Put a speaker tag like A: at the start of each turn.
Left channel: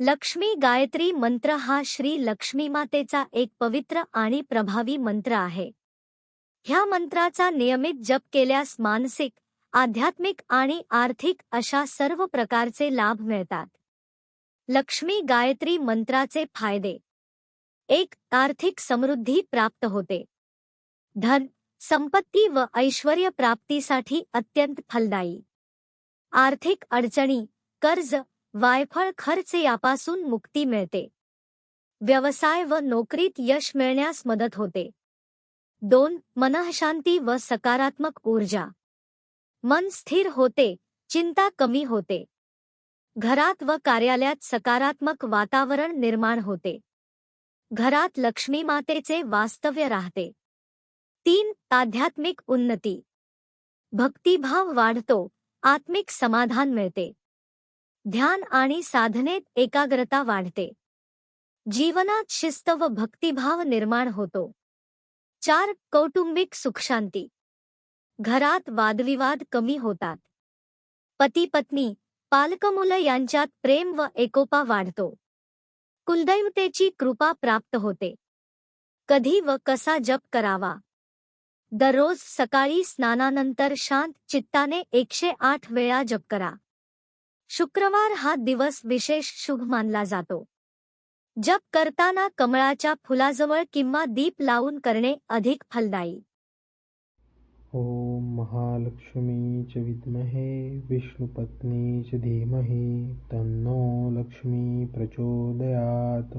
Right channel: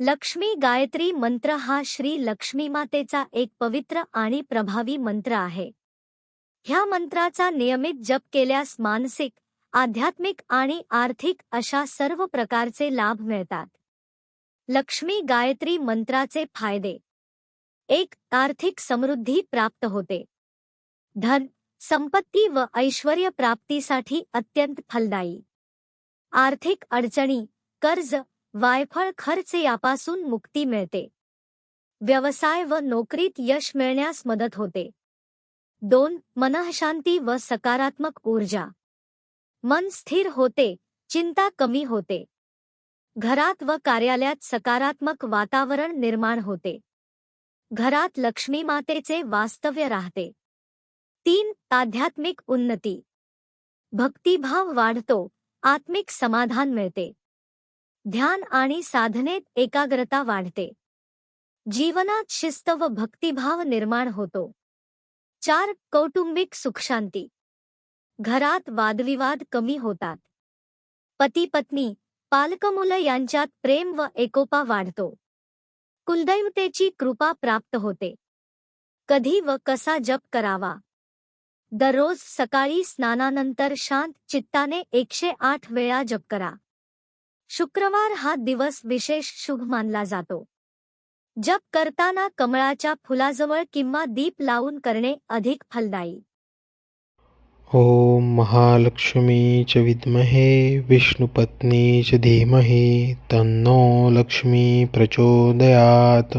A: लक्ष्मी गायत्री मंत्र हा श्री लक्ष्मी मातेचा एक पवित्र आणि प्रभावी मंत्र आहे. ह्या मंत्राचा नियमित जप केल्यास मानसिक आध्यात्मिक आणि आर्थिक अशा सर्व प्रकारचे लाभ मिळतात. लक्ष्मी गायत्री मंत्राचे फायदे. एक आर्थिक समृद्धी प्राप्त होते. धन संपत्ती व ऐश्वर्य प्राप्तीसाठी अत्यंत फलदायी. आर्थिक अडचणी कर्ज वायफळ खर्च यापासून मुक्ती मिळते. व्यवसाय व नोकरीत यश मिळण्यास मदत होते. दोन मनःशांती व सकारात्मक ऊर्जा. मन स्थिर होते चिंता कमी होते. घरात व कार्यालयात सकारात्मक वातावरण निर्माण होते. घरात लक्ष्मी मातेचे वास्तव्य राहते. तीन आध्यात्मिक उन्नती. भक्तिभाव वाढतो आत्मिक समाधान मिळते. ध्यान आणि साधनेत एकाग्रता वाढते. जीवनात शिस्त व भक्तिभाव निर्माण होतो. चार कौटुंबिक सुखशांती. घरात वादविवाद कमी होतात. पती पत्नी पालकमुलं यांच्यात प्रेम व एकोपा वाढतो. कुलदैवतेची कृपा प्राप्त होते. कधी व कसा जप करावा? दररोज सकाळी स्नानानंतर शांत चित्ताने एकशे आठ वेळा जप करा. शुक्रवार हा दिवस विशेष शुभ मानला जातो. जप करताना कमळाच्या फुलाजवळ किंवा दीप लावून करणे अधिक फलदायी.
B: ओम महालक्ष्मी च विद्महे विष्णुपत्नी च धीमहि तन्नो लक्ष्मी प्रचोदयात.